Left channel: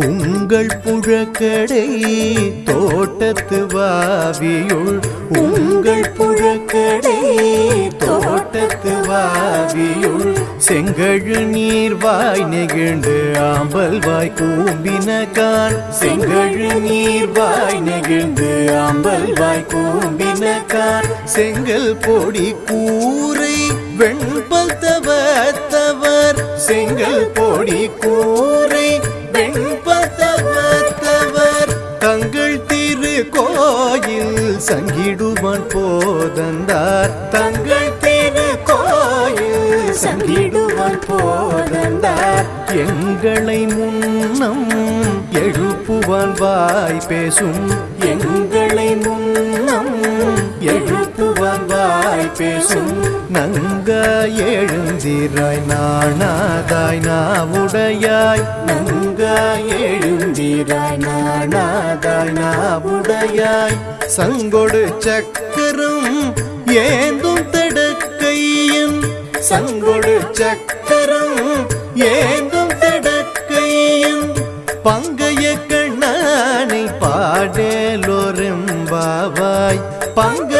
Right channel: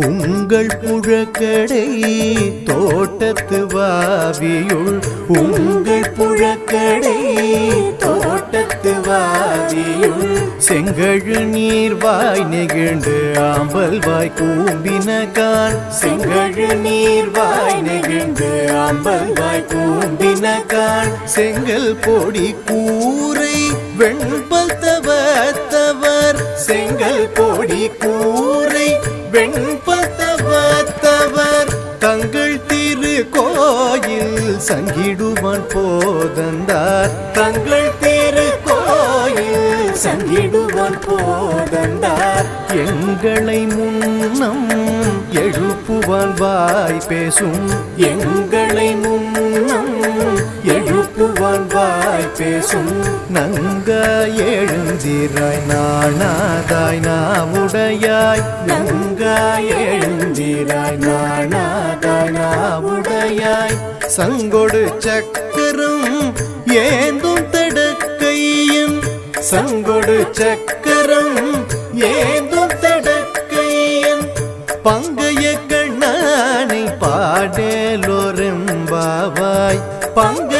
உங்கள் புழக்கடை தோட்டத்து வாவியுள் உங்கள் புழக்கடை தோட்டத்து வாவியுள் செங்கழு நீர்வாய் நெகிழ்ந்து ஆம்பல் வாய் கூம்பினகான் செங்கழு நீர்வாய் நெகிழ்ந்து ஆம்பல் வாய் கூம்பினகான் செங்கல் பொடி கூரை வெண்பல் தவத்தவர் செங்கல் பொடி கூரை வெண்பல் தவத்தவர் தங்கள் திரு கோயில் சங்கிடுவான் போதந்தார் தங்கள் திரு கோயில் சங்கிடுவான் போதந்தார் எங்களை முன்னம் எழுப்புவான் வாய் பேசும் எங்களை முன்னம் எழுப்புவான் வாய் பேசும் நங்காய் எழுந்திராய் நாணாதாய் நாவுடையாய் நங்காய் எழுந்திராய் நாணாதாய் நாவுடையாய் சங்கொடு சக்கரம் ஏந்தும் தடக்கையன் சங்கொடு சக்கரம் ஏந்தும் தடக்கையன் பங்கைய கண்ணானை பாடேலோரெம்பாவாய் பங்க